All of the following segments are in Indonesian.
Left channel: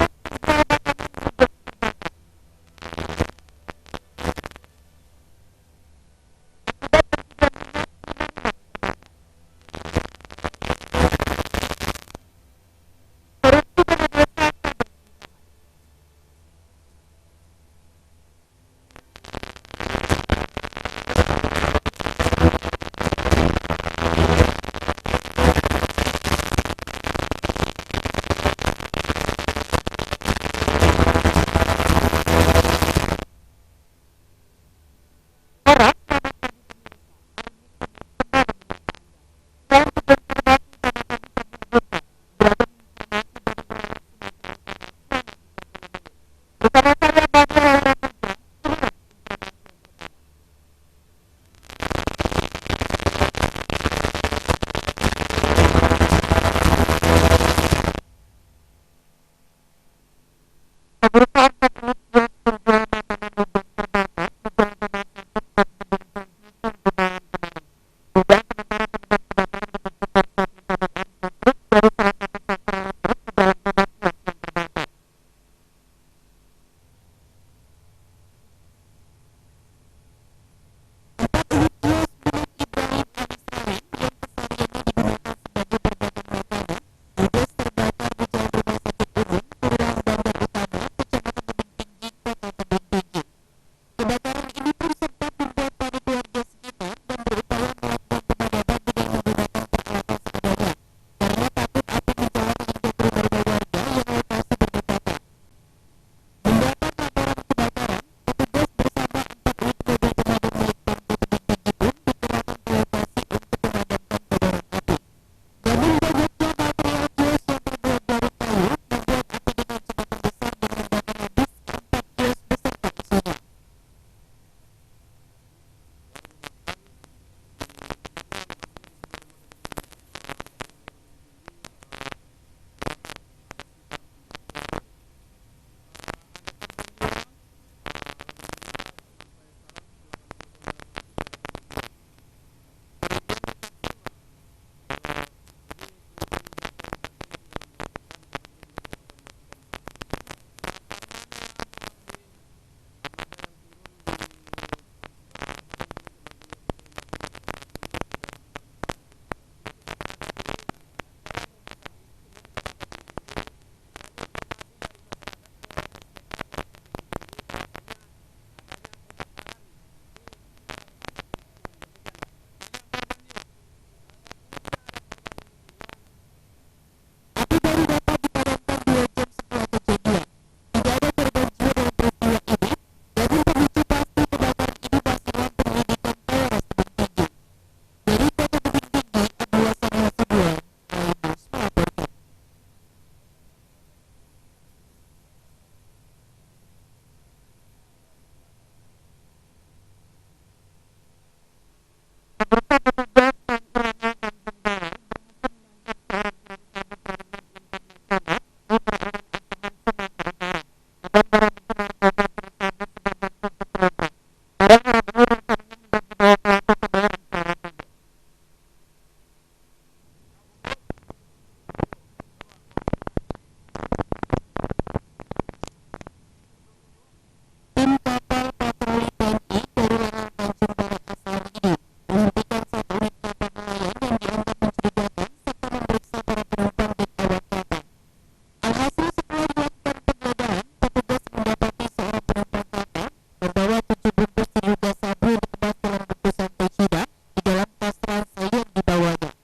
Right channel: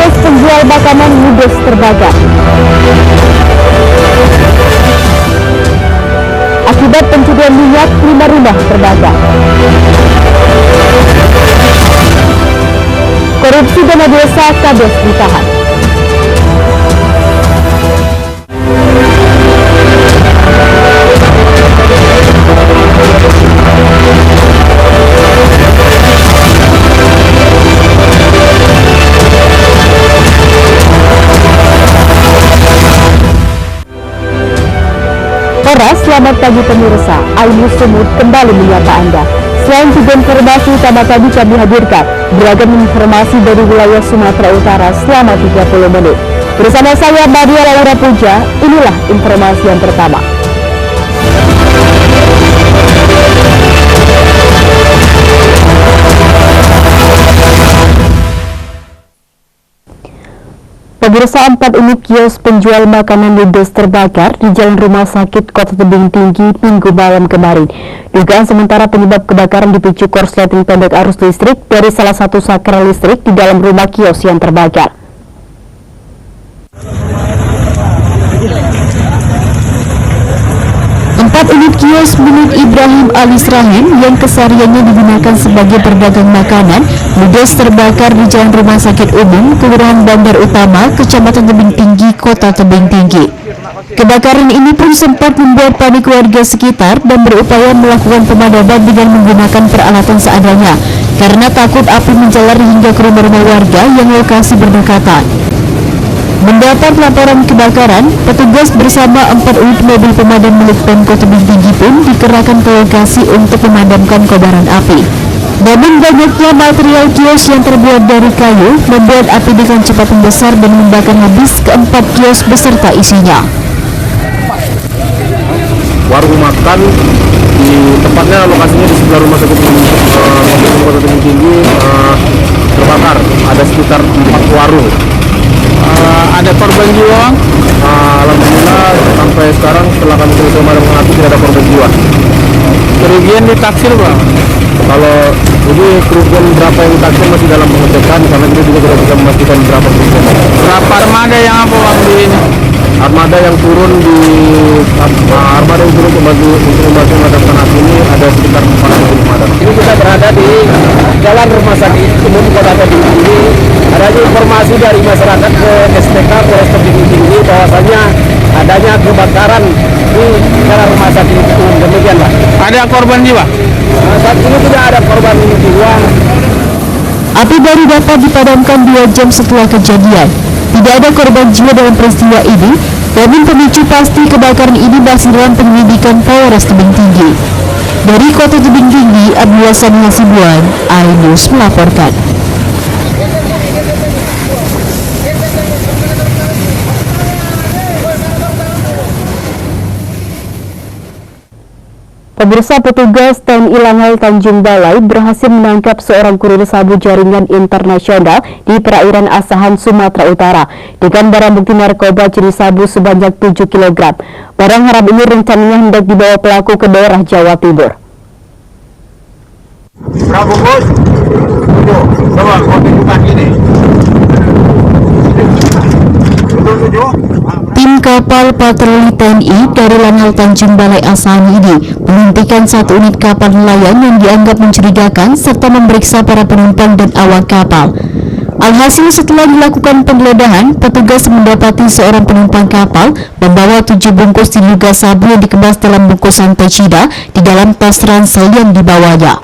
kios penjual makanan ludes terbakar. Akibat pencurian minyak, 5 rumah terbakar. Korupsi dana desa, Kades ditahan. Selamat pagi pemirsa, Ainus Sumut kembali menyapa Anda. Selain 3 informasi utama tadi kami hadirkan beragam informasi dari wilayah Sumatera Utara selama 30 menit. Bersama saya Maria Laura Puja, inilah informasi yang pertama. Pemirsa, 4 unit kios penjual makanan ludes terbakar di Jalan Rumah Sakit Kota Tebing Tinggi Minggu malam kemarin. Dugaan sementara penyebab kebakaran dipicu korsleting pendek arus listrik dari salah satu saklar listrik di dalam rumah kios yang terbakar. Empat unit kios milik Ibrahim Alis Rahim yang kesehariannya digunakan sebagai berdagang makanan ludes terbakar di Jalan Rumah Sakit Umum, Kelurahan Bandar Utama, Kecamatan Tebing Tinggi, Kota Tebing Tinggi. Kebakaran ini pun sempat membuat panik warga sekitar dan berupaya melakukan pemadaman dengan menggunakan peralatan seadanya karena takut api menjalar hingga ke rumah-rumah warga yang lokasi berdekatan. Mendapat laporan kebakaran, petugas bersama 4 unit mobil pemadam milik Pemkot Tebing Tinggi pun dikerahkan ke lokasi untuk memadamkan kobaran api. Namun banyaknya material kios yang terbuat dari kayu membuat api dengan cepat membesar dan membakar habis ke-4 kios beserta isinya. Warung makan di tempatnya, lokasinya di sebelah rumah sakit Kota Tebing Tinggi terbakar. Ada sekitar 4 warung. Ada korban jiwa? Alhamdulillah sampai sekarang setelah kami selesai memadamkan api tidak ada korban jiwa. Kerugian ditaksir Bang? Kalau jadi kerugian berapa yang ditaksir masih dalam pengecekan karena kita juga tidak bisa memastikan berapa kerugian. Berapa armada yang apa Bang di ini? Armada yang turun untuk membantu memadamkan api ini ada sekitar 400 pemadam. Ini kita berada di Jalan Rumah Sakit Umum Kota Tebing Tinggi. Adanya informasi dari masyarakat ke SPK Polres Tebing Tinggi bahwasanya adanya kebakaran di Jalan Rumah Sakit Umum. Demikian Pak. Ada korban jiwa? Saat ini tidak ada korban jiwa. Api baru dapat dipadamkan 2 jam setelah kejadian. Tidak ada korban jiwa dalam peristiwa ini, namun pemicu pasti kebakaran ini masih dalam penyelidikan Polres Tebing Tinggi. Dari Kota Tebing Tinggi, Abdullah Sani Hasibuan, Ainus melaporkan. Pemirsa, petugas TNI Langai Tanjung Balai berhasil menangkap seorang kurir sabu jaringan internasional di perairan Asahan, Sumatera Utara dengan barang bukti narkoba jenis sabu sebanyak 7 kg. Barang haram ini rencananya hendak dibawa pelaku ke daerah Jawa Timur. Berapa bos? Coba kau tunjukkan ini. Tim kapal patroli TNI dari Lanal Tanjung Balai Asahan ini menghentikan 1 unit kapal nelayan yang dianggap mencurigakan serta memeriksa para penumpang dan awak kapal. Alhasil setelah dilakukan penggeledahan, petugas mendapati seorang penumpang kapal membawa 7 bungkus diduga sabu yang dikemas dalam bungkusan tecida di dalam tas ransel yang dibawanya.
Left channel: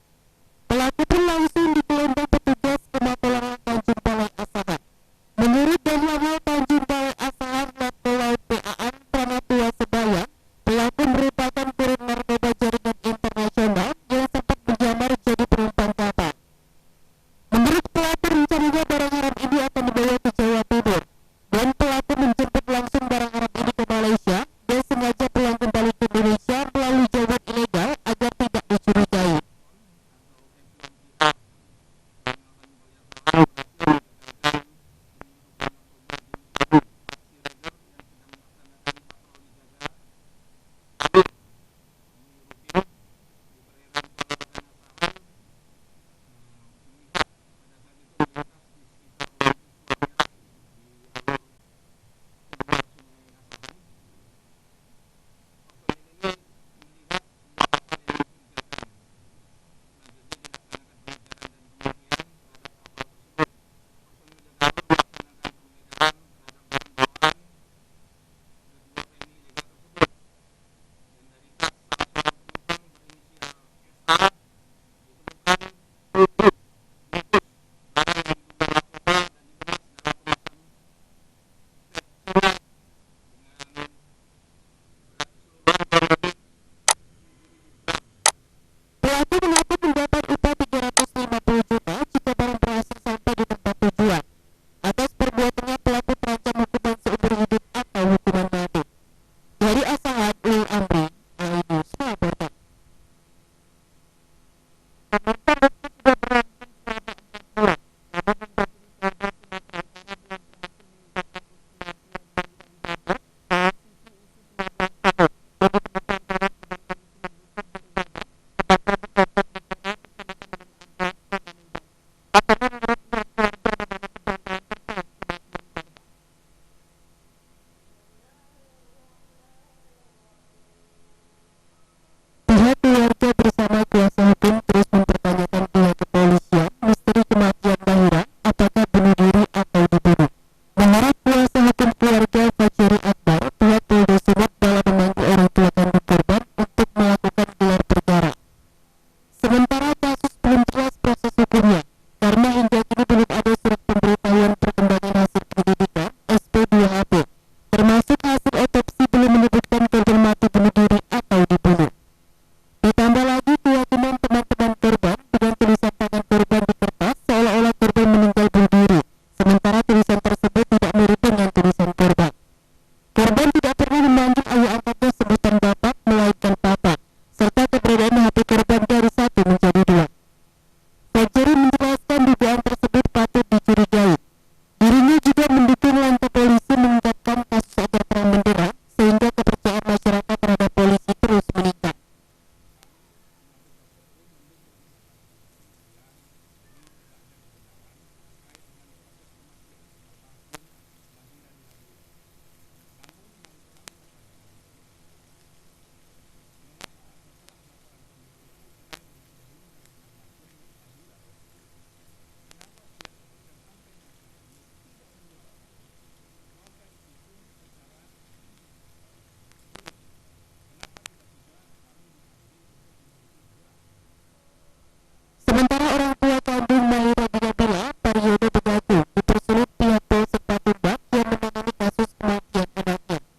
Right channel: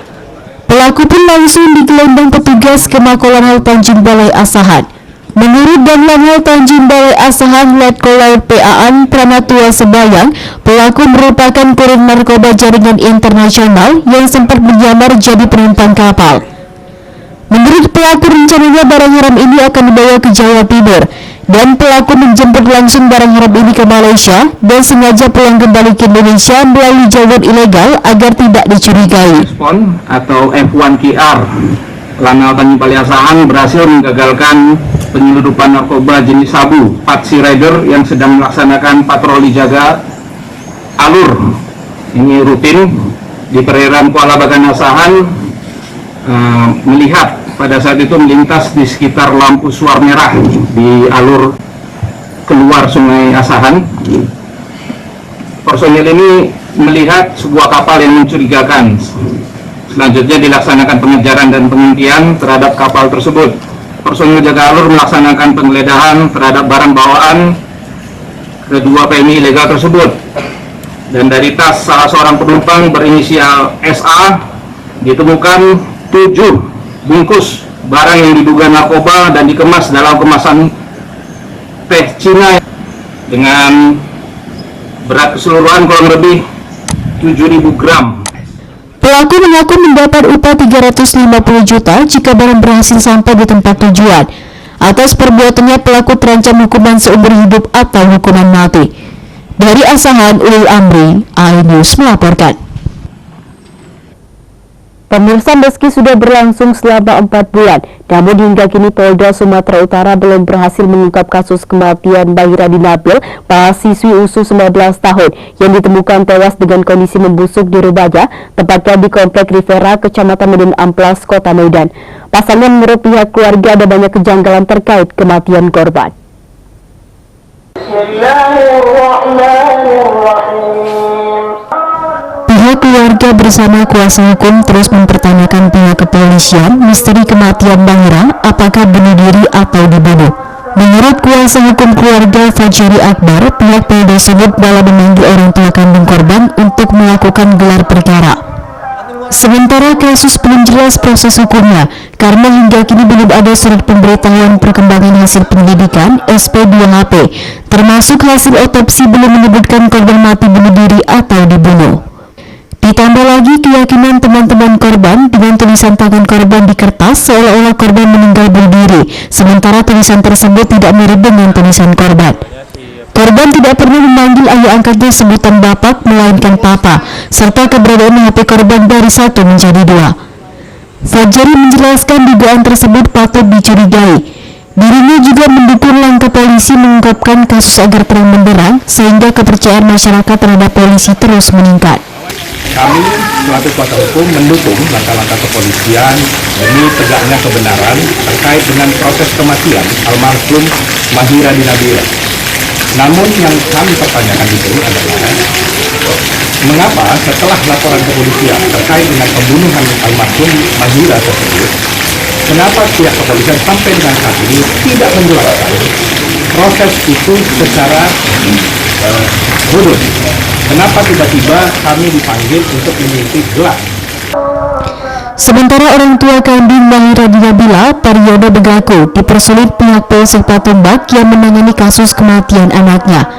Pelaku pun langsung digelandang petugas ke Mako Lanal Tanjung Balai Asahan. Menurut Lanal Tanjung Balai Asahan Letkol Laut PAan Pranatua Sebayang, pelaku merupakan kurir narkoba jaringan internasional yang sempat menyamar jadi penumpang kapal. Menurut pelaku, rencananya barang haram ini akan dibawa ke Jawa Timur dan pelaku menjemput langsung barang haram ini ke Malaysia dan sengaja pulang kembali ke Indonesia melalui jalur ilegal agar tidak dicurigai. Respon atau F1QR Lanal Tanjung Balai Asahan berhasil menggagalkan penyeludupan narkoba jenis sabu Patsy Rider yang sedang melaksanakan patroli jaga alur. Ini rutin di perairan Kuala Bagan Asahan melihat pada saat itu melintas di sekitar lampu suar merah di alur keluar Sungai Asahan. Personil ini melihat sebuah kapal yang mencurigakan. Selanjutnya dilaksanakan pengejaran dan penghentian terhadap kapal tersebut. Personil jaga alur melaksanakan penggeledahan terhadap barang bawaan kedua PMI ilegal tersebut. Dan dari tas salah seorang penumpang berinisial SA ditemukan 7 bungkus barang yang diduga narkoba dan dikemas dalam kemasan teh Cina dengan berat keseluruhan kurang lebih 7.000 gram. Pelaku mengaku mendapat upah 350 juta jika barang berhasil sampai di tempat tujuan. Atas perbuatannya pelaku terancam hukuman seumur hidup atau hukuman mati. Dari Asahan, Ulil Amri, iNews melaporkan. Pemirsa, meski sudah berlangsung selama 4 bulan, namun hingga kini Polda Sumatera Utara belum berhasil mengungkap kasus kematian Mahiradi Nabil, mahasiswi usia 19 tahun yang ditemukan tewas dengan kondisi membusuk di rumahnya, tepatnya di Komplek Rivera, Kecamatan Medan Amplas, Kota Medan. Pasalnya menurut pihak keluarga ada banyak kejanggalan terkait kematian korban. Pihak keluarga bersama kuasa hukum terus mempertanyakan pihak kepolisian misteri kematian Mahira, apakah bunuh diri atau dibunuh. Menurut kuasa hukum keluarga Fajri Akbar, pihak Polda Sumut malah memanggil orang tua kandung korban untuk melakukan gelar perkara. Sementara kasus belum jelas proses hukumnya, karena hingga kini belum ada surat pemberitahuan perkembangan hasil penyelidikan SP2HP, termasuk hasil otopsi belum menyebutkan korban mati bunuh diri atau dibunuh. Ditambah lagi keyakinan teman-teman korban dengan tulisan tangan korban di kertas seolah-olah korban meninggal bunuh diri, sementara tulisan tersebut tidak mirip dengan tulisan korban. Korban tidak pernah memanggil ayah angkatnya sebutan bapak, melainkan papa, serta keberadaan HP korban dari 1 menjadi 2. Fajri menjelaskan dugaan tersebut patut dicurigai. Dirinya juga mendukung langkah polisi mengungkapkan kasus agar terang benderang, sehingga kepercayaan masyarakat terhadap polisi terus meningkat. Kami selaku kuasa hukum mendukung langkah-langkah kepolisian demi tegaknya kebenaran terkait dengan proses kematian almarhum Mahiradi Nabil. Namun yang kami pertanyakan di sini adalah mengapa setelah laporan kepolisian terkait dengan pembunuhan almarhum Mahira tersebut, kenapa pihak kepolisian sampai dengan saat ini tidak menjelaskan proses itu secara khusus? Kenapa tiba-tiba kami dipanggil untuk mengikuti gelar? Sementara orang tua kandung Mahiradi Nabila, Pariono Begaku, dipersulit pihak Polsek Patumbak yang menangani kasus kematian anaknya.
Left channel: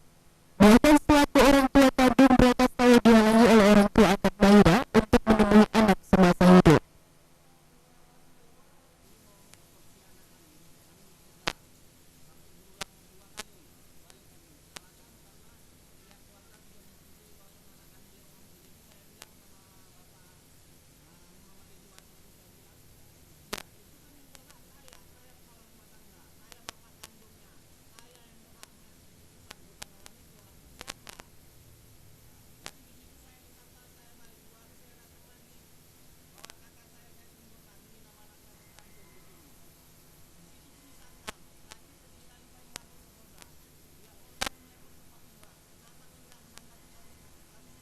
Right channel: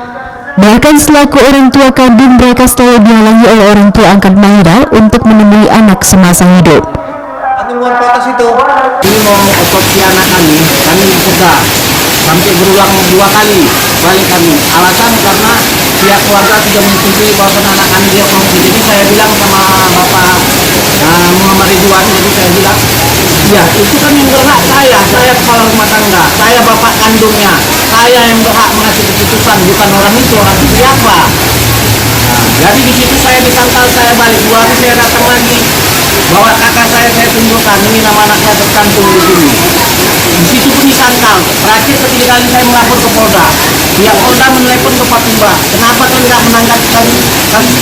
Bahkan selaku orang tua kandung, mereka selalu dihalangi oleh orang tua angkat Mahira untuk menemui anak semasa hidup. Ini mau otopsi anak kami cegah sampai berulang 2 kali balik kami. Alasan karena pihak keluarga sudah menyetujui bahwa anak kami diotopsi. Jadi saya bilang sama Bapak Muhammad Ridwan, jadi saya bilang, ya itu kan yang berhak saya kepala rumah tangga, saya bapak kandungnya, saya yang berhak mengasih keputusan, bukan orang itu siapa. Jadi di situ saya disangkal, saya balik 2 hari saya datang lagi, bawa kakak saya tunjukkan, ini nama anaknya tercantum di sini. Di situ pun disangkal. Terakhir ketiga kali saya melapor ke Polda. Pihak Polda menelepon ke Patumbak. Kenapa kau tidak menanggapi kami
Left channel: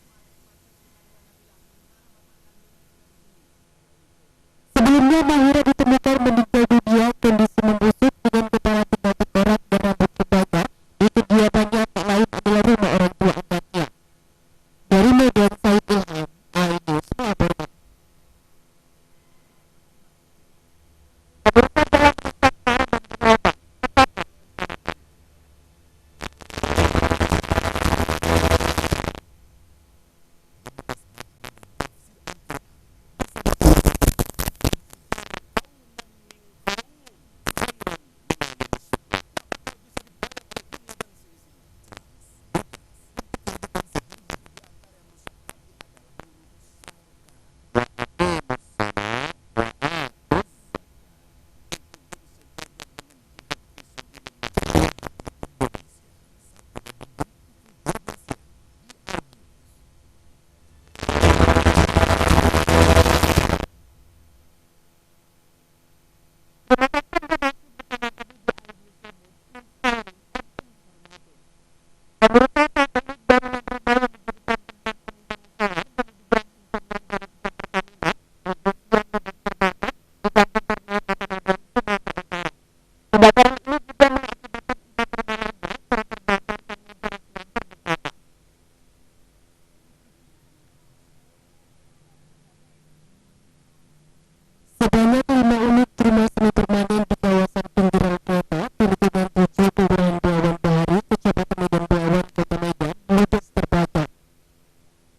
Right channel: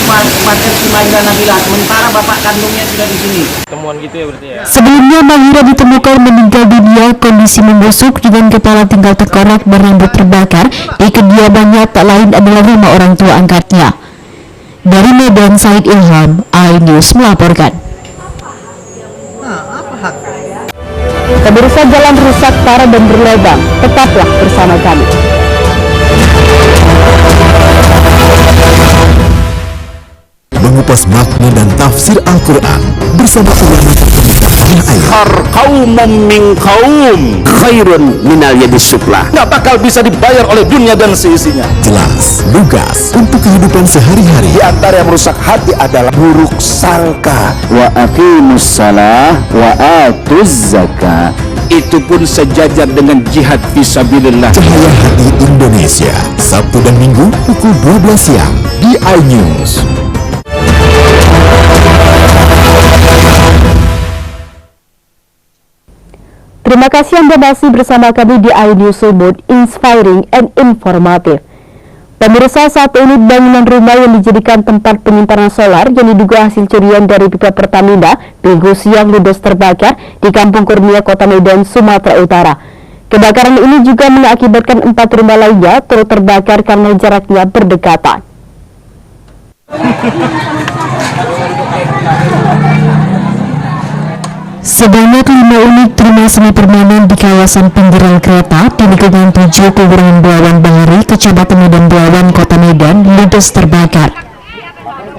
kematian si Mahira Nabila, sementara bapak kandungnya sudah di sini. Temuan gitu ya berarti ya. Sebelumnya Mahira ditemukan meninggal dunia kondisi membusuk dengan kepala tinggal tengkorak dan rambut terbakar. Di kediamannya tak lain adalah rumah orang tua angkatnya. Dari Medan, Said Ilham, iNews melaporkan. Pemirsa, jalan rusak parah dan berlubang. Tetaplah bersama kami. Mengupas makna dan tafsir Al-Quran bersama ulama terkemuka tanah air. Qaumum min qaum khairun minal yadis sufla. Nggak bakal bisa dibayar oleh dunia dan seisinya. Jelas, lugas untuk kehidupan sehari-hari. Di antara yang merusak hati adalah buruk sangka. Wa aqimus salah wa atuz zakah. Itu pun sejajar dengan jihad fisabilillah. Cahaya Hati Indonesia, Sabtu dan Minggu pukul 12 siang di iNews. Terima kasih Anda masih bersama kami di iNews Sumut, inspiring and informative. Pemirsa, satu unit bangunan rumah yang dijadikan tempat penyimpanan solar yang diduga hasil curian dari pipa Pertamina Minggu siang ludes terbakar di Kampung Kurnia, Kota Medan, Sumatera Utara. Kebakaran ini juga mengakibatkan 4 rumah lainnya turut terbakar karena jaraknya berdekatan. Sebanyak 5 unit rumah semi permanen di kawasan pinggiran kereta di lingkungan 7 Kelurahan Belawan Bahari, Kecamatan Medan Belawan, Kota Medan, ludes terbakar.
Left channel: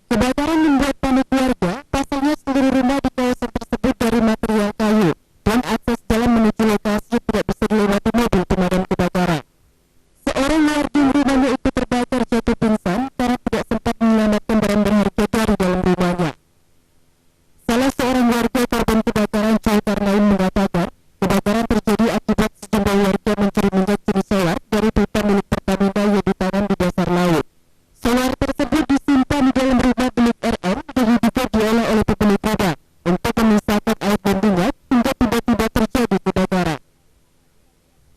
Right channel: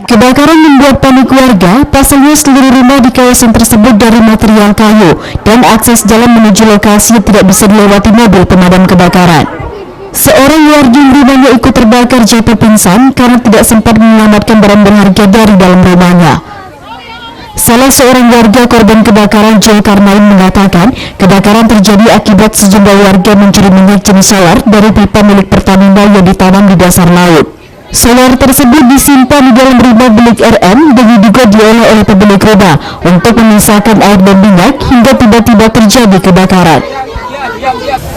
Kebakaran membuat panik warga, pasalnya seluruh rumah di kawasan tersebut dari material kayu dan akses jalan menuju lokasi tidak bisa dilewati mobil pemadam kebakaran. Seorang warga yang rumahnya ikut terbakar jatuh pingsan karena tidak sempat menyelamatkan barang berharga dari dalam rumahnya. Salah seorang warga korban kebakaran, Joy Karnain, mengatakan kebakaran terjadi akibat sejumlah warga mencuri minyak jenis solar dari pipa milik Pertamina yang ditanam di dasar laut. Solar tersebut disimpan di dalam rumah milik RM dan diduga diolah oleh pemilik rumah untuk memisahkan air dan minyak hingga tiba-tiba terjadi kebakaran.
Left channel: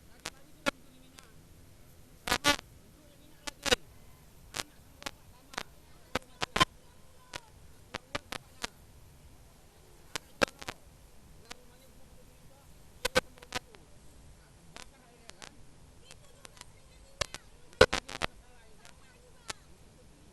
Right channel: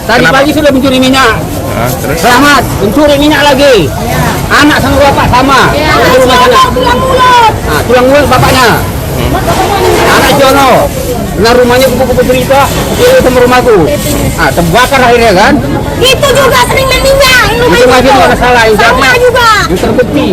Tadi pagi sudah mencuri minyak. Selamat, mencuri minyak lagi. Anak sama bapak sama. Di rumah sana. Tulang mulut bapaknya. Anak Jono. Nah, rumahnya kupu-kupu cerita, dia sama rumahku. Terbakar akhirnya kan? Itu juga sering main minyak. Itu lagi ada salah yang juga. Yang terbukti.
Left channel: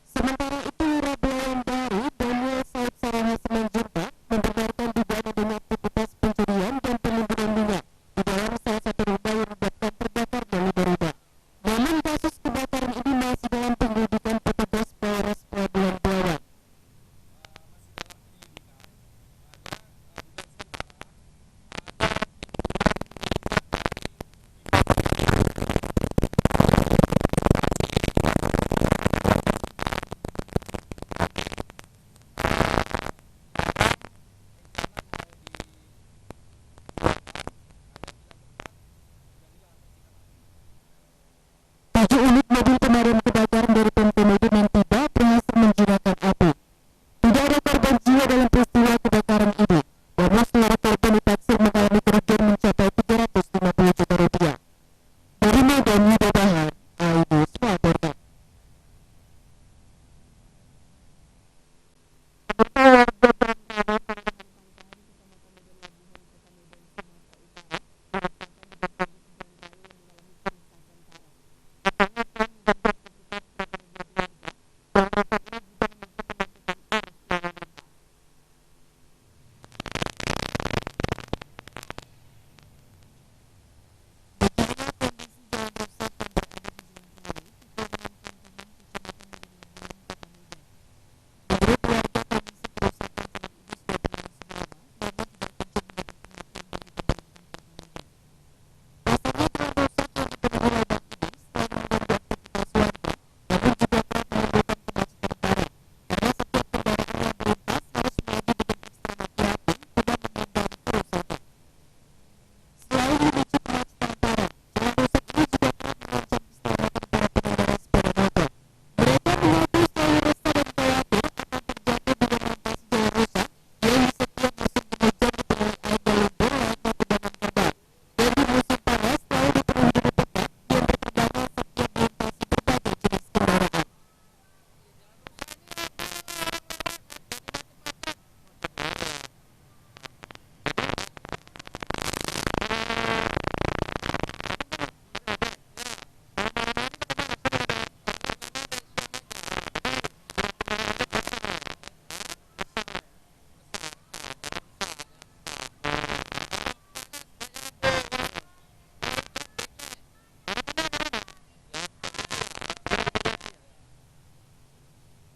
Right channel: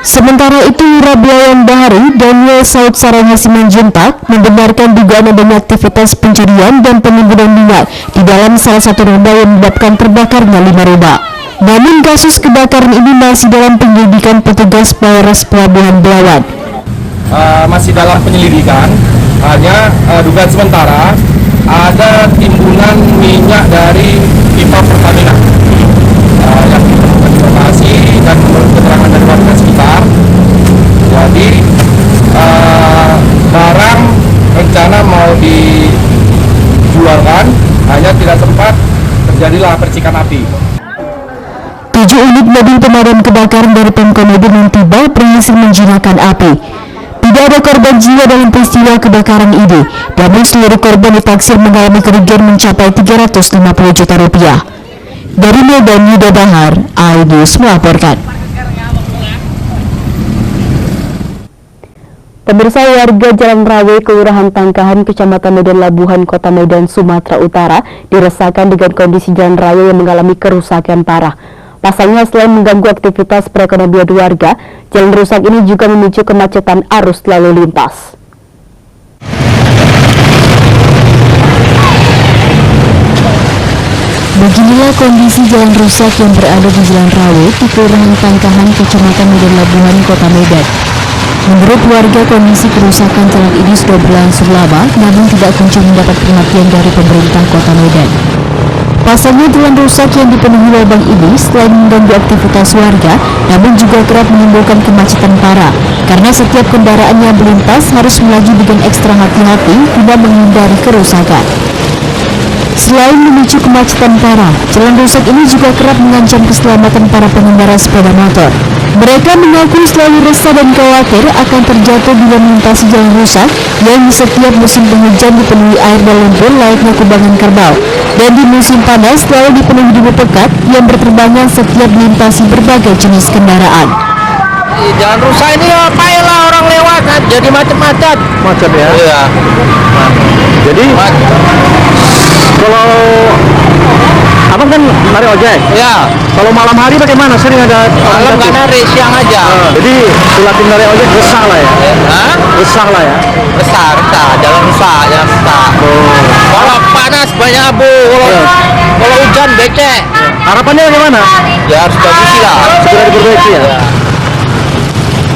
Sementara itu, Lurah Belawan Bahari, Daniel Saud Saranga Simanjuntak, membenarkan dugaan adanya aktivitas pencurian dan penimbunan minyak di dalam salah satu rumah yang menyebabkan terbakarnya 5 rumah. Namun kasus kebakaran ini masih dalam penyelidikan petugas Polres Pelabuhan Belawan. Masih dalam penyelidikan, hanya dugaan sementara ada timbunan minyak dari pipa Pertamina yang ditemukan di lokasi dan menurut keterangan dari warga sekitar. Jadi barang rencana mau dijualkan, hanya tidak sempat terjadilah percikan api. 7 unit mobil pemadam kebakaran dari Pemkot Medan yang tiba berhasil menjinakkan api. Tidak ada korban jiwa dalam peristiwa kebakaran ini, namun seluruh korban ditaksir mengalami kerugian mencapai 350 juta rupiah. Dari Medan, Yuda Bahar, iNews melaporkan. Pemirsa, warga Jalan Rawe, Kelurahan Tangkahan, Kecamatan Medan Labuhan, Kota Medan, Sumatera Utara, diresahkan dengan kondisi jalan raya yang mengalami kerusakan parah. Pasalnya, selain mengganggu aktivitas perekonomian warga, jalan rusak ini juga memicu kemacetan arus lalu lintas. Beginilah kondisi jalan rusak yang berada di Jalan Rawe di Kelurahan Tangkahan, Kecamatan Medan Labuhan, Kota Medan. Menurut warga, kondisi kerusakan jalan ini sudah berlangsung lama, namun tidak kunjung mendapat perhatian dari pemerintah Kota Medan. Pasalnya, jalan rusak yang dipenuhi lubang ini selain mengganggu aktivitas warga, namun juga kerap menimbulkan kemacetan parah, karena setiap kendaraan yang melintas harus melaju dengan ekstra hati-hati guna menghindari kerusakan. Selain memicu kemacetan parah, jalan rusak ini juga kerap mengancam keselamatan para pengendara sepeda motor. Mereka mengaku selalu resah dan khawatir akan terjatuh bila melintasi jalan rusak yang di setiap musim penghujan dipenuhi air dan lumpur layaknya kubangan kerbau, dan di musim panas selalu dipenuhi debu pekat yang berterbangan setiap melintasi berbagai jenis kendaraan. Jalan rusak ini payahlah orang lewat kan, jadi macet-macet. Macet ya? Iya. Jadi kalau abang kan narik ojek. Ya. Kalau malam hari bagaimana? Sering ada Malam nggak narik, siang aja. Jadi silatin narik ojek resah lah ya? Hah? Resah lah ya? Resah, jalan rusak. Kalau panas banyak abu, kalau hujan becek. Harapannya bagaimana? Ya harus bagus lah. Segera diperbaiki ya?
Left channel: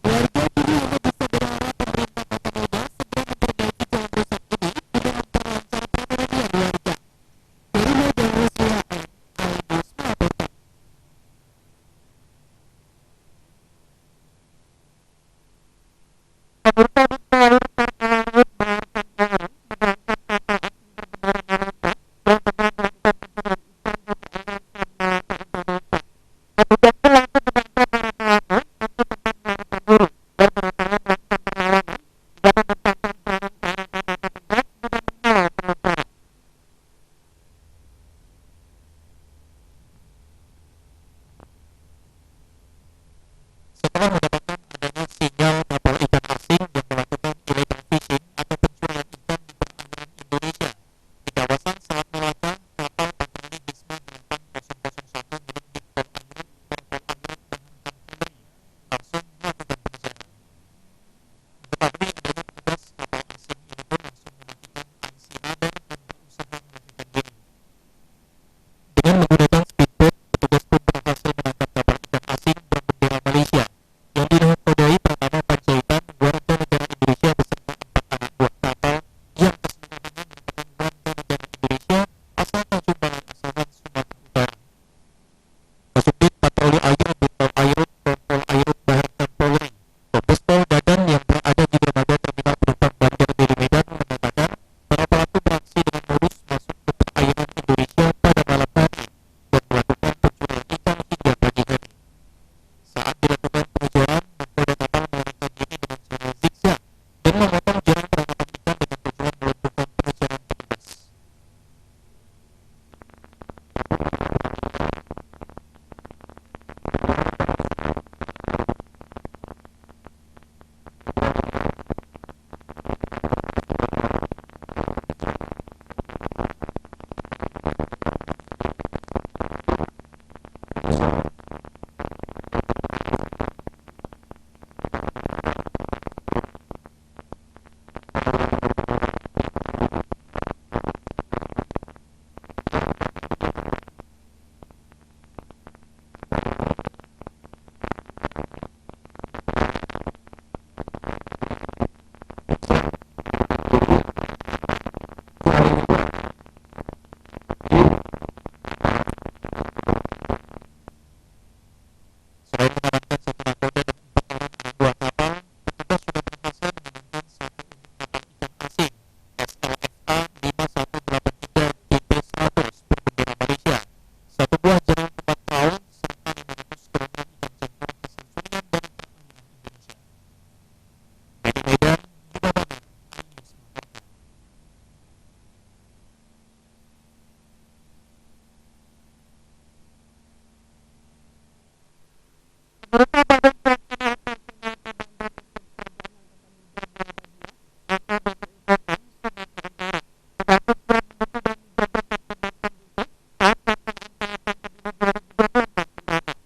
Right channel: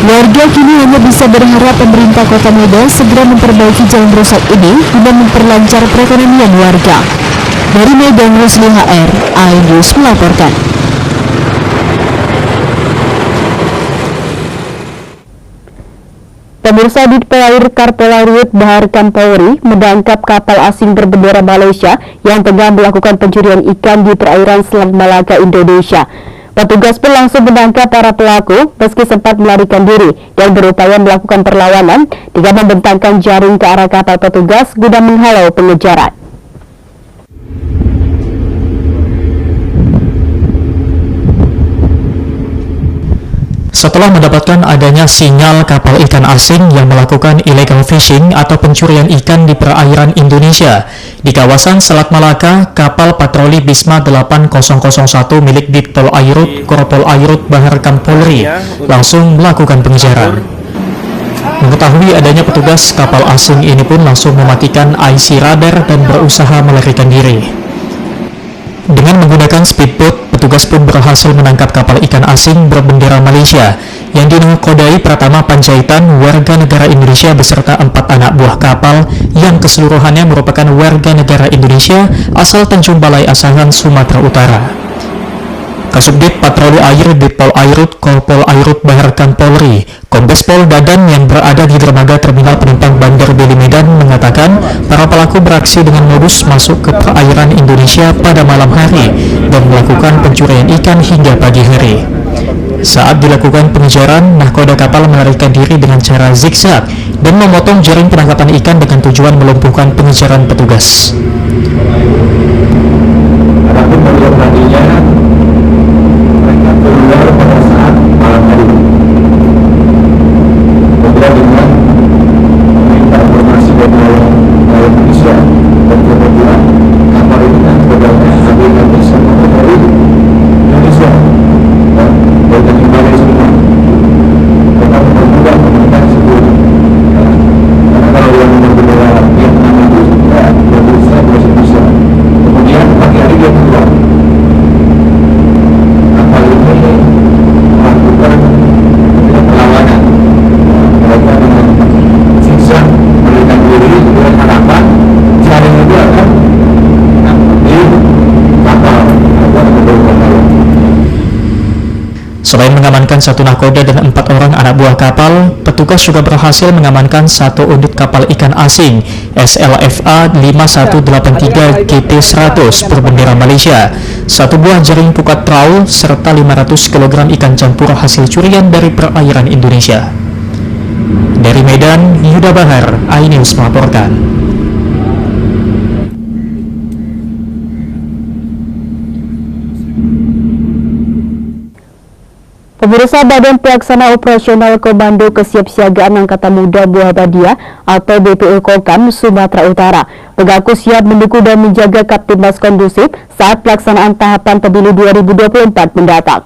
Warga kini hanya bisa berharap pemerintah Kota Medan segera memperbaiki jalan rusak ini guna memperlancar perekonomian warga. Dari Medan, Rusli HR, iNews melaporkan. Pemirsa, di Pelair Karpelairut Bahar Kampolri menangkap kapal asing berbendera Malaysia yang tengah melakukan pencurian ikan di perairan Selat Malaka, Indonesia. Petugas pun langsung menangkap para pelaku meski sempat melarikan diri dan berupaya melakukan perlawanan dengan membentangkan jaring ke arah kapal petugas guna menghalau pengejaran. Setelah mendapatkan adanya sinyal kapal ikan asing yang melakukan illegal fishing atau pencurian ikan di perairan Indonesia, di kawasan Selat Malaka, kapal patroli Bisma 8001 milik Ditpol Airut, Korpol Airut Baharkam Polri langsung melakukan pengejaran. Mengetahui adanya petugas, kapal asing ini pun langsung mematikan IC radar dan berusaha melarikan diri. Dengan menggunakan speedboat, petugas pun berhasil menangkap kapal ikan asing berbendera Malaysia yang dinakodai Pratama Panjaitan, warga negara Indonesia beserta 4 anak buah kapal yang keseluruhannya merupakan warga negara Indonesia asal Tanjung Balai Asahan, Sumatera Utara. Kasubdit Patroli Air Ditpol Airut Korpol Airut Baharkam Polri, Kombes Pol Dadan yang berada di dermaga terminal penumpang Bandar Deli Medan mengatakan para pelaku beraksi dengan modus masuk ke perairan Indonesia pada malam hari dan melakukan pencurian ikan hingga pagi hari. Saat dilakukan pengejaran, nahkoda kapal melarikan diri dengan cara zigzag dan memotong jaring penangkapan ikan dengan tujuan melumpuhkan pengejaran petugas. Adapun bagian tadinya mereka keluar pada saat malam hari. Kemudian dengan meminta informasi dari nelayan Indonesia dan kebetulan kapal ini kan kodenya ABK sama dari Indonesia dan Tanjung Balai semua. Mereka mempermudah komunikasi sebelum karena kalau yang berbendera Vietnam itu sudah berusaha bahasa Indonesia. Kemudian pagi hari dia keluar. Kapal ini melakukan perlawanan. Mereka dengan zigzag melarikan diri dengan harapan jaring itu akan di kapal atau mendorong kapal. Selain mengamankan 1 nahkoda dan 4 orang anak buah kapal, petugas juga berhasil mengamankan 1 unit kapal ikan asing SLFA 5183 GT100 berbendera Malaysia, 1 buah jaring pukat trawl, serta 500 kg ikan campur hasil curian dari perairan Indonesia. Dari Medan, Yuda Bahar, iNews melaporkan. Pemirsa, Badan Pelaksana Operasional Komando Kesiapsiagaan Angkatan Muda Muhammadiyah atau BPU Kokam Sumatera Utara mengaku siap mendukung dan menjaga Kaptimnas kondusif saat pelaksanaan tahapan pemilu 2024 mendatang.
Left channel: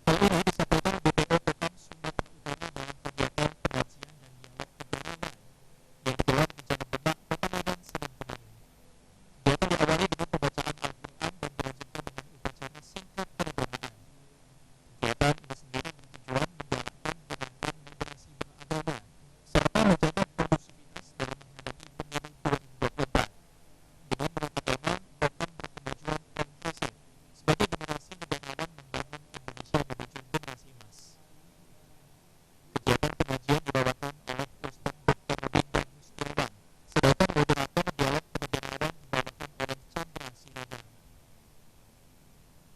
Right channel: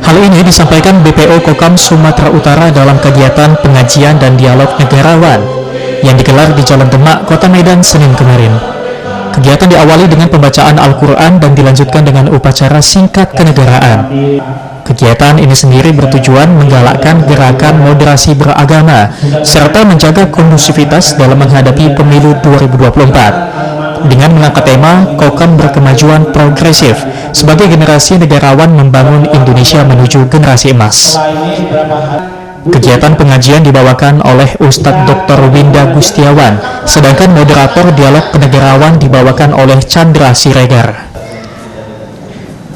Hal ini disampaikan BPO Kokam Sumatera Utara dalam kegiatan pengajian dan dialog negarawan yang digelar di Jalan Demak, Kota Medan, Senin kemarin. Kegiatan diawali dengan pembacaan Al-Quran dan dilanjutkan dengan upacara singkat kenegaraan. Kegiatan ini sendiri bertujuan menggalakkan gerakan moderasi beragama serta menjaga kondusivitas dalam menghadapi pemilu 2024. Dengan mengangkat tema Kokam Berkemajuan Progresif sebagai generasi negarawan membangun Indonesia menuju generasi emas. Kegiatan pengajian dibawakan oleh Ustadz Dr. Winda Gustiawan, sedangkan moderator dialog kenegarawan dibawakan oleh Chandra Siregar.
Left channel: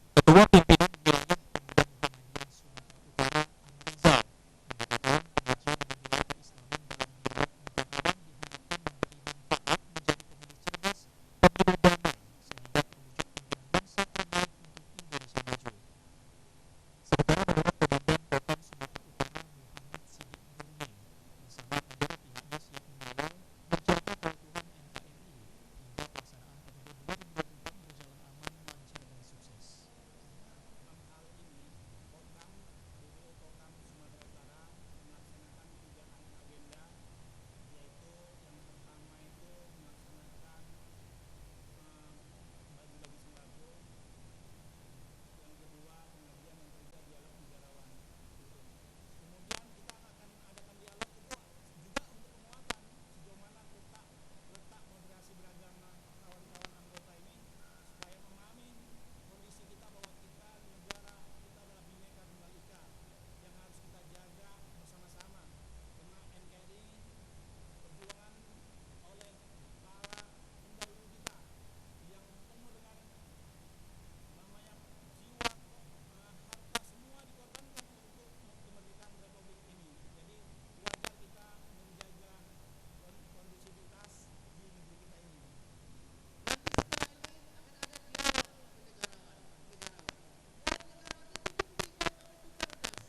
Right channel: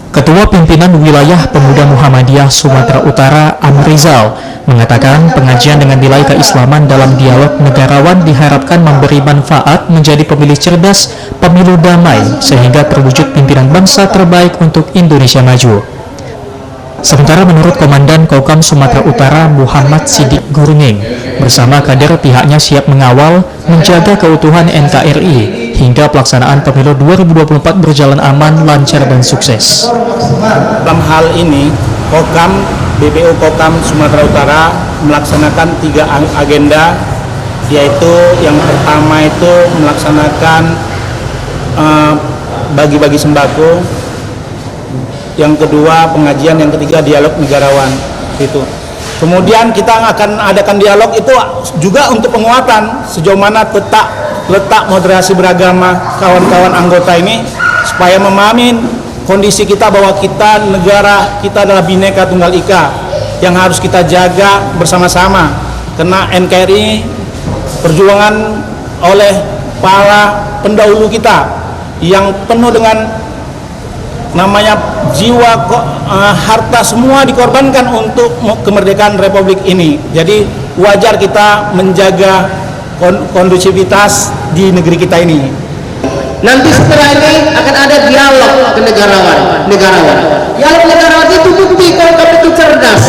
Ketua Pimpinan Wilayah Pemuda Muhammadiyah Sumatera Utara, Amrizal, mengatakan pengajian dengan nilai keislaman dalam dialog negarawan diharapkan memberi manfaat menjadi pemilih cerdas, pemilu damai, sehingga terwujud pimpinan bangsa terbaik untuk Indonesia maju. Sementara menurut Komandan Kokam Sumatera Utara Muhammad Sidik Gurning, bersama kader pihaknya siap mengawal, menjaga keutuhan NKRI hingga pelaksanaan pemilu 2024 berjalan aman, lancar, dan sukses. Dalam hal ini, BPU Kokam Sumatera Utara melaksanakan 3 agenda, yaitu yang pertama itu melaksanakan bagi-bagi sembako, yang kedua pengajian, yang ketiga dialog negarawan itu. Kemudian kita akan adakan dialog itu juga untuk penguatan sejauh mana letak moderasi beragama kawan-kawan anggota ini supaya memahami kondisi kita bahwa kita negara kita adalah Bhinneka Tunggal Ika yang harus kita jaga bersama-sama, karena NKRI perjuangan oleh para pendahulu kita yang penuh dengan namanya jiwa, harta semua dikorbankan untuk kemerdekaan Republik ini. Jadi wajar kita menjaga kondusivitas di negeri kita ini. Nanti setelah ini akan ada dialog kenegarawan. Dialog negarawan itu bukti kalau kami itu cerdas.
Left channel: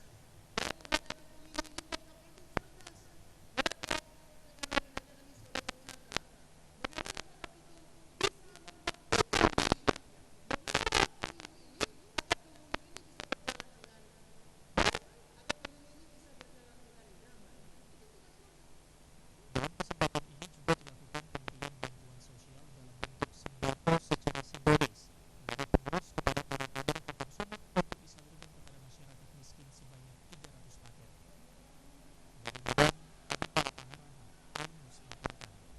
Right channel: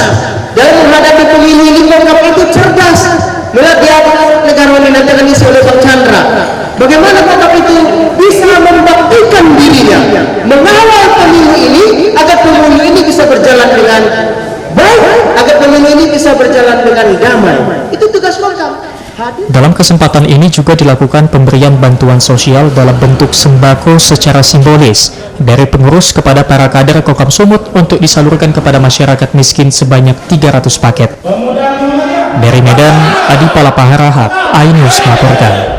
Dalam menghadapi pemilu ini kami itu cerdas. Melihat dialog negarawan ini nanti akan diisi oleh Bang Chandra. Bagaimana kami itu bisa membuktikan dirinya, mengawal pemilu ini agar pemilu ini bisa berjalan dengan baik, agar pemilu ini bisa berjalan dengan damai. Itu tugas Kokam. Dalam kesempatan ini juga dilakukan pemberian bantuan sosial dalam bentuk sembako secara simbolis dari pengurus kepada para kader Kokam Sumut untuk disalurkan kepada masyarakat miskin sebanyak 300 paket. Dari Medan, Adi Palapaharahat, iNews melaporkan.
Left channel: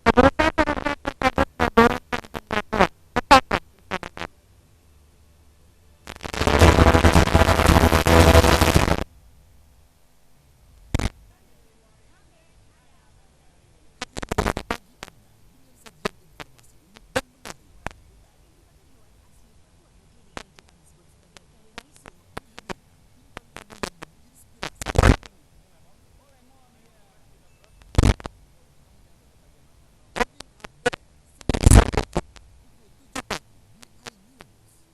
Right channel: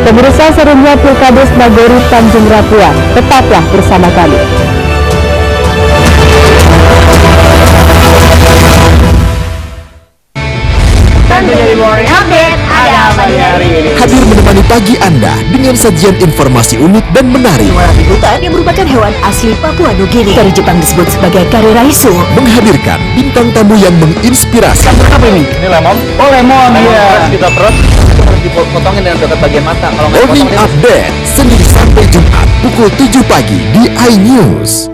Pemirsa, serunya Pilkades Nagori Tanjung Rapuan, tetaplah bersama kami. Hadir menemani pagi Anda dengan sajian informasi unik dan menarik. Hutan yang merupakan hewan asli Papua Nugini dari Jepang disebut sebagai kareraisu. Menghadirkan bintang tamu yang menginspirasi. Apa ini? Ini lemon. Oh, lemon. Iya. Kita perut dipotongin dengan dekat bagian mata. Kalau nggak Morning dipotongin, Update Senin sampai Jumat pukul 7 pagi di iNews.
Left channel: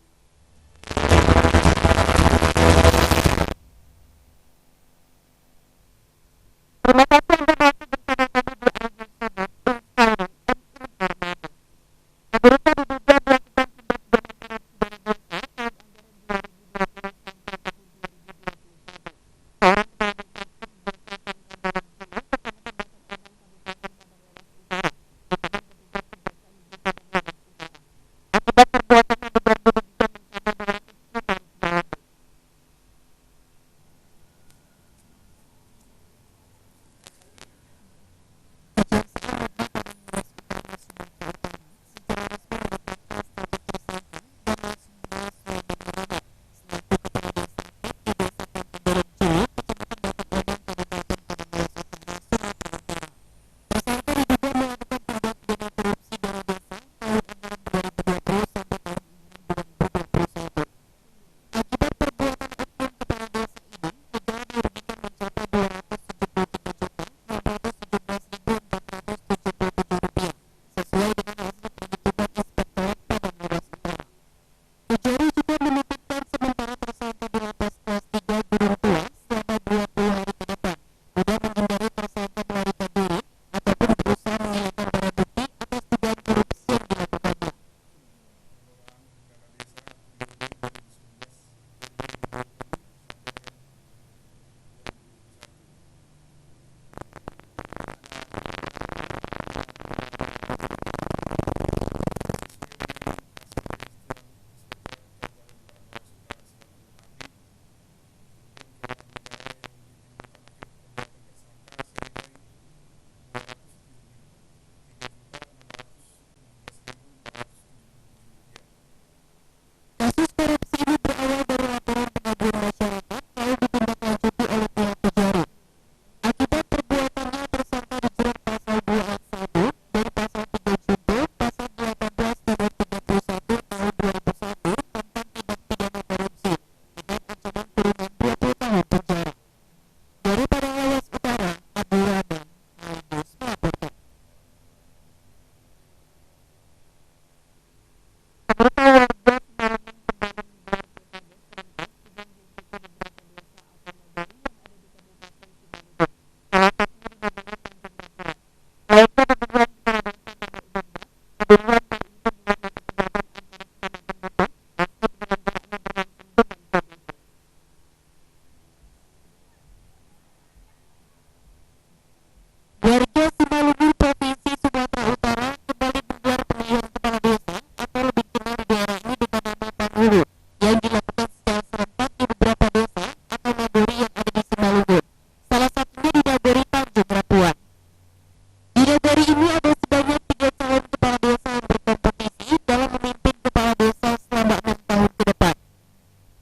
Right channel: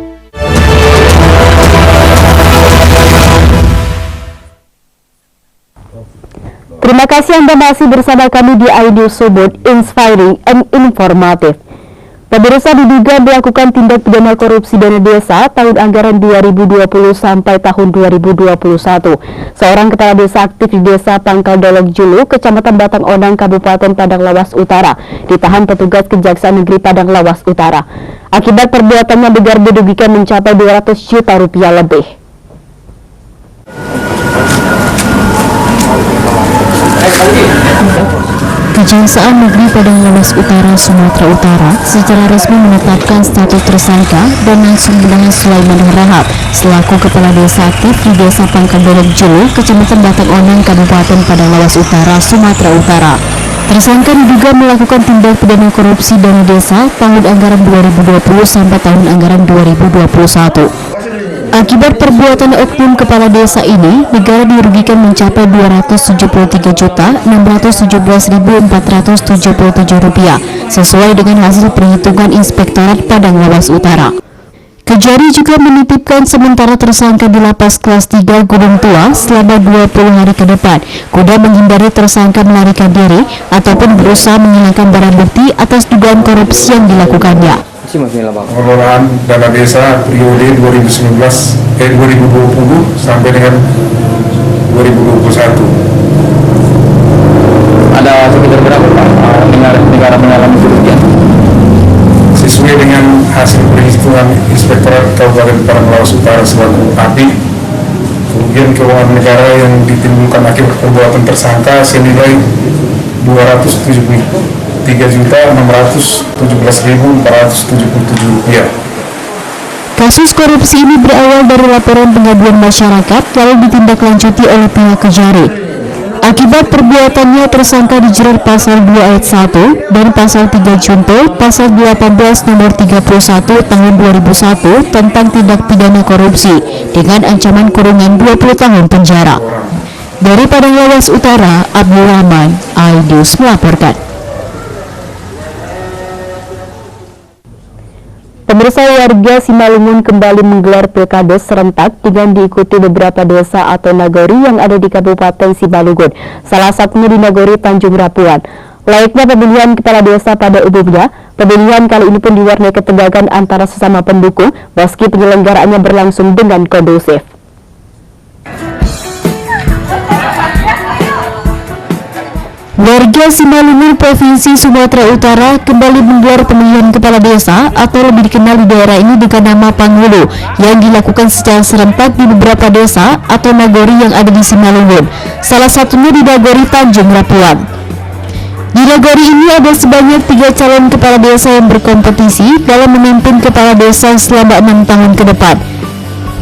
Terima kasih Anda masih bersama kami di iNews Sumut, inspiring and informative. Pemirsa, diduga melakukan tindak pidana korupsi dana desa tahun anggaran 2020 sampai tahun 2021. Seorang kepala desa aktif di desa Pangkal Dolok Julu, Kecamatan Batang Onang, Kabupaten Padang Lawas Utara, ditahan petugas Kejaksaan Negeri Padang Lawas Utara. Akibat perbuatannya begar dirugikan mencapai 200 juta rupiah lebih. Kejaksaan Negeri Padang Lawas Utara, Sumatera Utara secara resmi menetapkan status tersangka dan langsung menahan Sulaiman Harahap selaku kepala desa aktif di desa Pangkal Dolok Julu, Kecamatan Batang Onang, Kabupaten Padang Lawas Utara, Sumatera Utara. Tersangka diduga melakukan tindak pidana korupsi dana desa tahun anggaran 2020 sampai tahun anggaran 2021. Akibat perbuatan oknum kepala desa ini, negara dirugikan mencapai Rp273.617.477 sesuai dengan hasil perhitungan Inspektorat Padang Lawas Utara. Kejari juga menitipkan sementara tersangka di lapas kelas 3 Gunung Tua selama 20 hari ke depan, guna menghindari tersangka melarikan diri ataupun berusaha menghilangkan barang bukti atas dugaan korupsi yang dilakukannya. Pengelolaan dana desa periode 2020 sampai dengan 2021. ada sekitar berapa Pak negara mengalami kerugian? Sesuai dengan hasil perhitungan Inspektorat Kabupaten Padang Lawas Utara selaku API, kerugian keuangan negara yang ditimbulkan akibat perbuatan tersangka senilai Rp273.617.477. Kasus korupsi ini berawal dari laporan pengaduan masyarakat lalu ditindaklanjuti oleh pihak Kejari. Akibat perbuatannya tersangka dijerat pasal 2 ayat 1 dan pasal 3 junto pasal 18 nomor 31 tahun 2001 tentang tindak pidana korupsi dengan ancaman kurungan 20 tahun penjara. Dari Padang Lawas Utara, Abdul Rahman, iNews melaporkan. Pemirsa, warga Simalungun kembali menggelar pilkades serentak dengan diikuti beberapa desa atau nagori yang ada di Kabupaten Simalungun, salah satunya di Nagori Tanjung Rapuan. Layaknya pemilihan kepala desa pada umumnya, pemilihan kali ini pun diwarnai ketegangan antara sesama pendukung meski penyelenggaraannya berlangsung dengan kondusif. Warga Simalungun, Provinsi Sumatera Utara kembali menggelar pemilihan kepala desa atau lebih dikenal di daerah ini dengan nama Panghulu yang dilakukan secara serentak di beberapa desa atau nagori yang ada di Simalungun, salah satunya di Nagori Tanjung Rapuan. Di nagori ini ada sebanyak 3 calon kepala desa yang berkompetisi dalam memimpin kepala desa selama 6 tahun ke depan.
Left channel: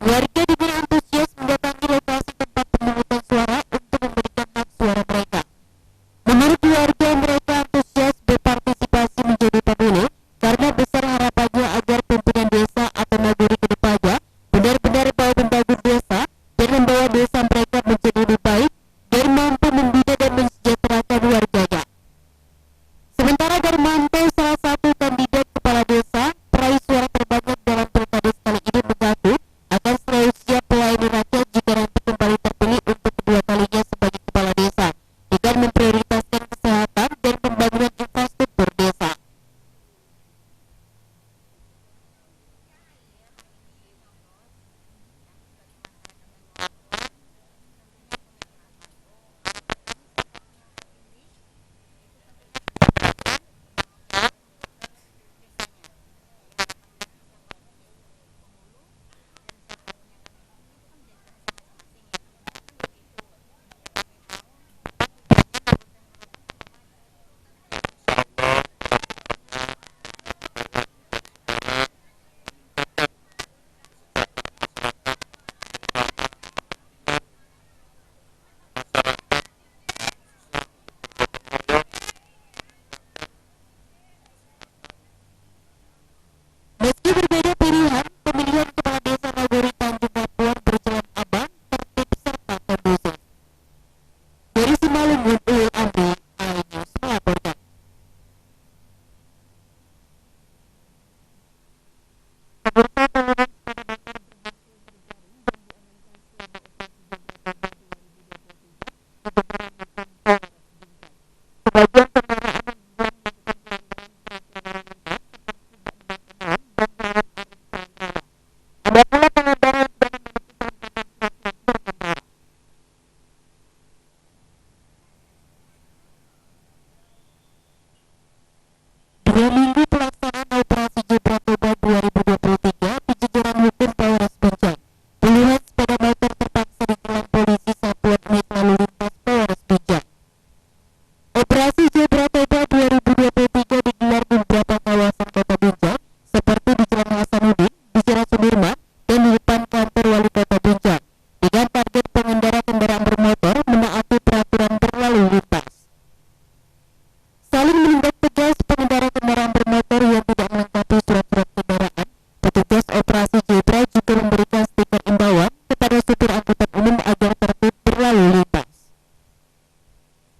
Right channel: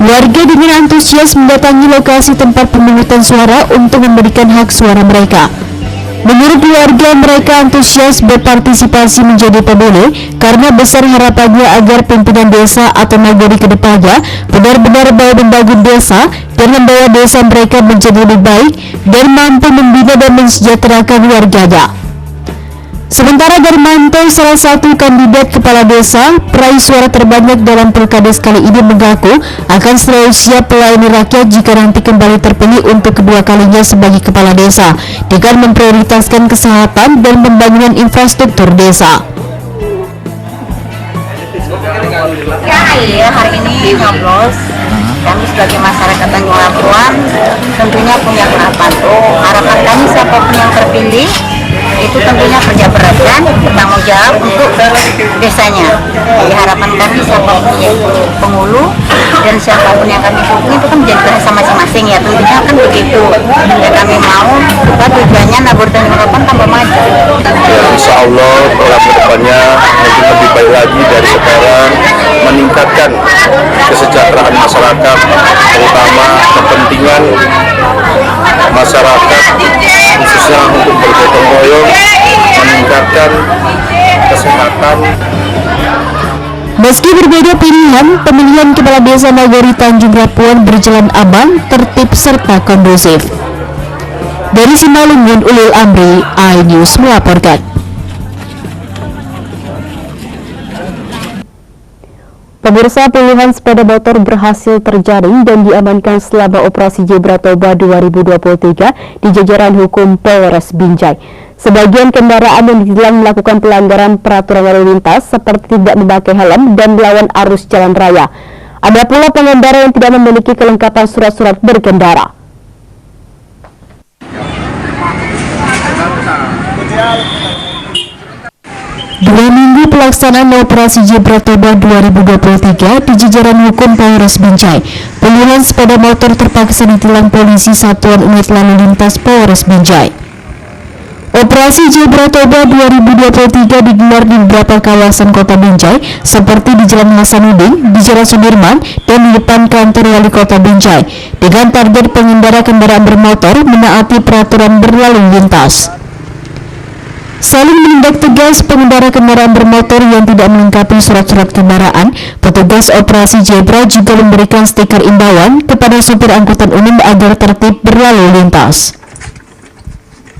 Warga dengan antusias mendatangi lokasi tempat pemungutan suara untuk memberikan hak suara mereka. Menurut warga, mereka antusias berpartisipasi menjadi pemilih karena besar harapannya agar pimpinan desa atau nagari ke depannya benar-benar mau membangun desa dan membawa desa mereka menjadi lebih baik dan mampu membina dan mensejahterakan warganya. Sementara Darmanto, salah satu kandidat kepala desa peraih suara terbanyak dalam pilkades kali ini, mengaku akan selalu siap melayani rakyat jika nanti kembali terpilih untuk kedua kalinya sebagai kepala desa dengan memprioritaskan kesehatan dan pembangunan infrastruktur desa. Ya, hari ini nyoblos. Kami sebagai masyarakat Tanjung Labuan tentunya punya harapan. Harapan kami siapapun yang terpilih itu tentunya kerja berat dan bertanggung jawab untuk desanya. Jadi harapan kami siapapun yaitu penghulu dan siapapun yang kami dukung itu kan menjadi bahasa masing-masing ya, tentunya kan begitu. Dan kami mau tujuannya Nabur Tanjung Labuan tambah maju. Insya Allah program kedepannya mungkin lebih baik lagi dari sekarang, meningkatkan kesejahteraan masyarakat, terutama kepentingan masyarakat khususnya untuk bergotong royong, meningkatkan kesehatan. Meski berbeda pilihan, pemilihan kepala desa Nagari Tanjung Labuan berjalan aman, tertib serta kondusif. Dari Simalungun, Ulil Amri, iNews melaporkan. Pemirsa, puluhan sepeda motor berhasil terjaring dan diamankan selama operasi Zebra Toba 2023 di jajaran hukum Polres Binjai. Sebagian kendaraan yang ditilang melakukan pelanggaran peraturan lalu lintas seperti tidak memakai helm dan melawan arus jalan raya. Ada pula pengendara yang tidak memiliki kelengkapan surat-surat berkendara. Dua minggu pelaksanaan operasi Zebra Toba 2023 di jajaran hukum Polres Binjai, puluhan sepeda motor terpaksa ditilang polisi Satuan Unit Lalu Lintas Polres Binjai. Operasi Zebra Toba 2023 digelar di beberapa kawasan kota Binjai seperti di Jalan Hasanuddin, di Jalan Sudirman, dan di depan kantor Wali Kota Binjai dengan target pengendara kendaraan bermotor menaati peraturan berlalu lintas. Saling menindak tegas pengendara kendaraan bermotor yang tidak melengkapi surat-surat kendaraan, petugas operasi Zebra juga memberikan stiker imbauan kepada supir angkutan umum agar tertib berlalu lintas.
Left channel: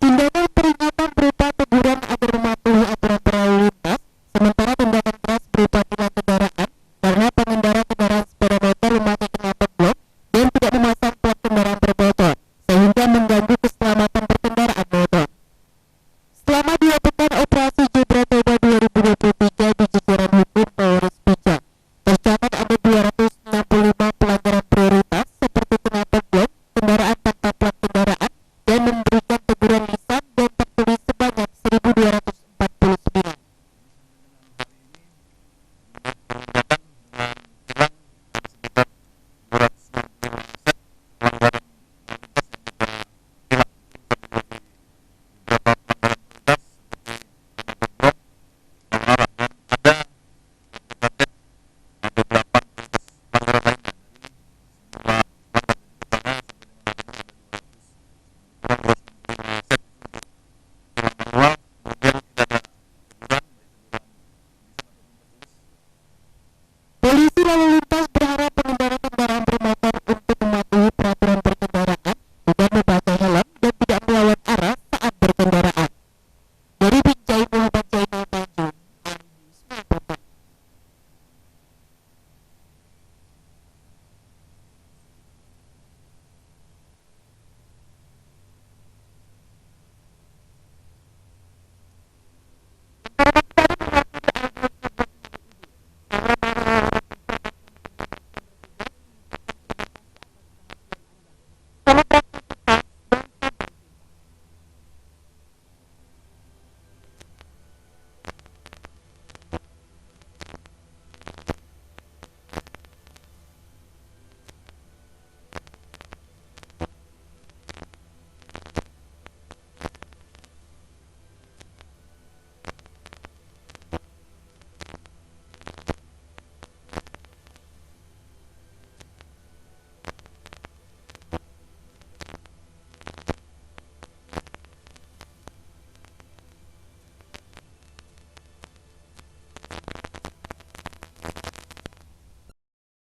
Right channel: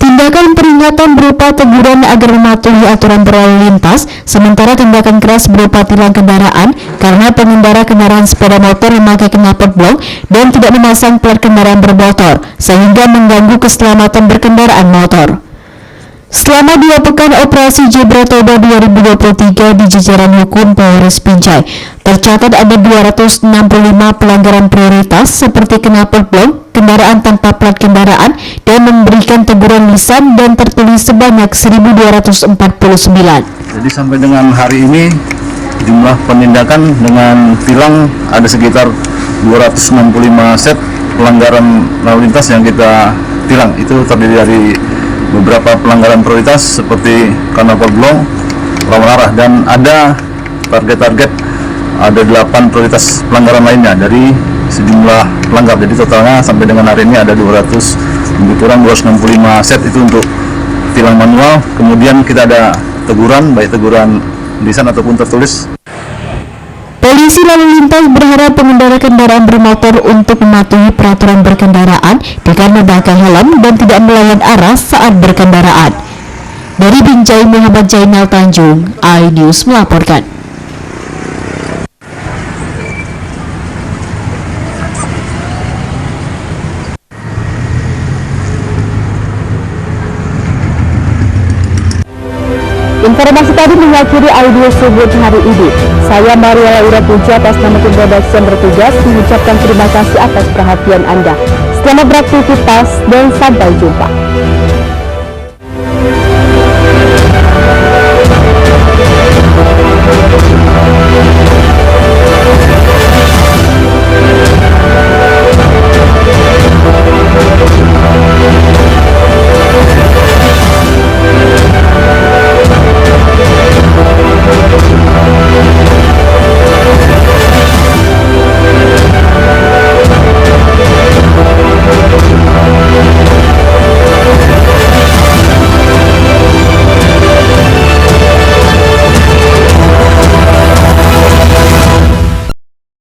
Tindakan peringatan berupa teguran agar mematuhi aturan berlalu lintas, sementara tindakan keras berupa tilang kendaraan karena pengendara kendaraan sepeda motor memakai knalpot blok dan tidak memasang plat kendaraan bermotor, sehingga mengganggu keselamatan berkendaraan motor. Selama 2 pekan operasi Zebra Toba 2023 di jajaran hukum Polres Binjai, tercatat ada 265 pelanggaran prioritas seperti knalpot blok, kendaraan tanpa plat kendaraan, dan memberikan teguran lisan dan tertulis sebanyak 1.249. Jadi sampai dengan hari ini jumlah penindakan dengan tilang ada sekitar 265 set pelanggaran lalu lintas yang kita tilang. Itu terdiri dari beberapa pelanggaran prioritas seperti knalpot blok, lawan arah, dan ada target-target ada 8 prioritas pelanggaran lainnya dari sejumlah pelanggar. Jadi totalnya sampai dengan hari ini ada 265 set itu untuk tilang manual. Kemudian kita ada teguran, baik teguran lisan ataupun tertulis. Polisi lalu lintas berharap pengendara kendaraan bermotor untuk mematuhi peraturan berkendaraan dengan memakai helm dan tidak melawan arah saat berkendaraan. Dari Binjai, Muhammad Jainal Tanjung, iNews melaporkan. Informasi tadi mengakhiri audio subuh hari ini. Saya Maria Laura Puja atas nama tim redaksi yang bertugas mengucapkan terima kasih atas perhatian Anda. Selamat beraktivitas dan sampai jumpa.